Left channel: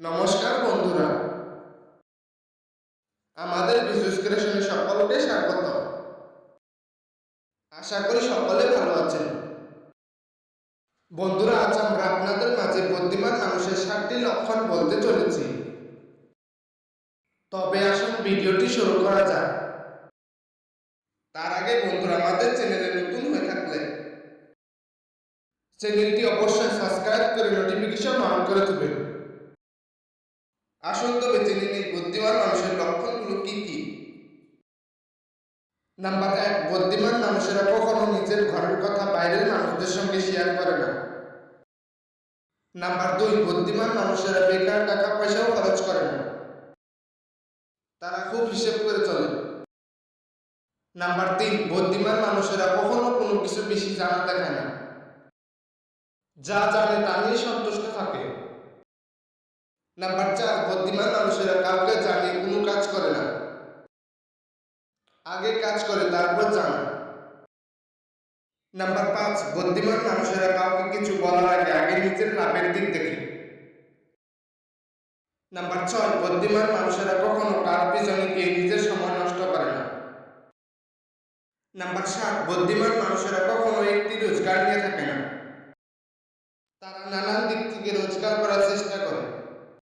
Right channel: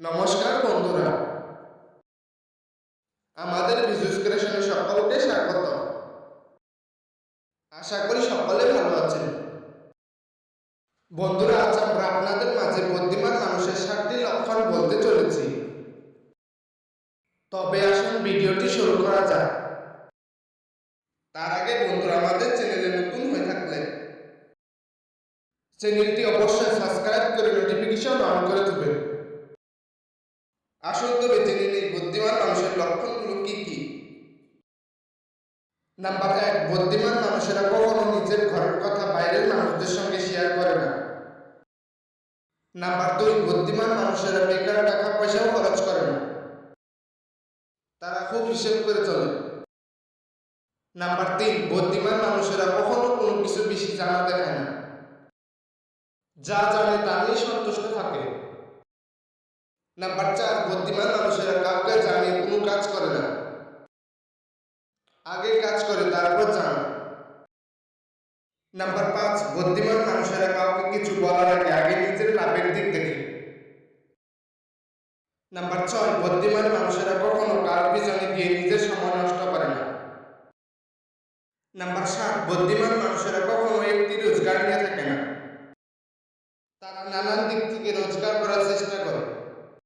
নমস্কার বন্ধুরা, আমাদের বিজুস ক্রিয়েশনে সকলকে স্বাগত। আশা করি সকলে ভালো আছেন। বন্ধুরা, আজ আমরা আপনাদের মাঝে বুদ্ধিমান মানুষের 7টি লক্ষণ বলতে চলেছি। তবে আসুন ভিডিওটি শুরু করা যাক। তার আগে বন্ধুরা, আমাদের চ্যানেলে নতুন হয়ে থাকলে চ্যানেলটি অবশ্যই সাবস্ক্রাইব করে নোটিফিকেশন অন করে দেবেন। আসুন তবে জেনে নেই বুদ্ধিমান মানুষের লক্ষণগুলো কি কি। নাম্বার 1, বুদ্ধিমান মানুষেরা কখনো নিজের ঘরের কথা বাইরের মানুষদের সঙ্গে শেয়ার করে না। নাম্বার 2, বুদ্ধিমান মানুষেরা বেকার টাকা পয়সাও খরচ করে না, তারা খুব হিসেব করে চলে। নাম্বার 3, বুদ্ধিমান মানুষেরা কখনো কোনো কিছু বেশি জানা দেখায় না, যা জানে তা নিয়ে সন্তুষ্ট থাকে। নাম্বার 4, বুদ্ধিমান মানুষেরা কাউকে জানিয়ে কোনো কাজ করে না, আগে কাজ করে তারপর জানা। নাম্বার 5, বুদ্ধিমান মানুষেরা কাউকে কিছু বলার আগে আগে নিজের লাভের দিক দেখে। নাম্বার 6, বুদ্ধিমান মানুষেরা কখনো কার পিছনে গিয়ে নিজের সময় নষ্ট করে না। নাম্বার 7, বুদ্ধিমান মানুষেরা কখনো একটি রোজগার নিয়ে থাকে না, তারা নানান দিক থেকে রোজগার করার চেষ্টা করে।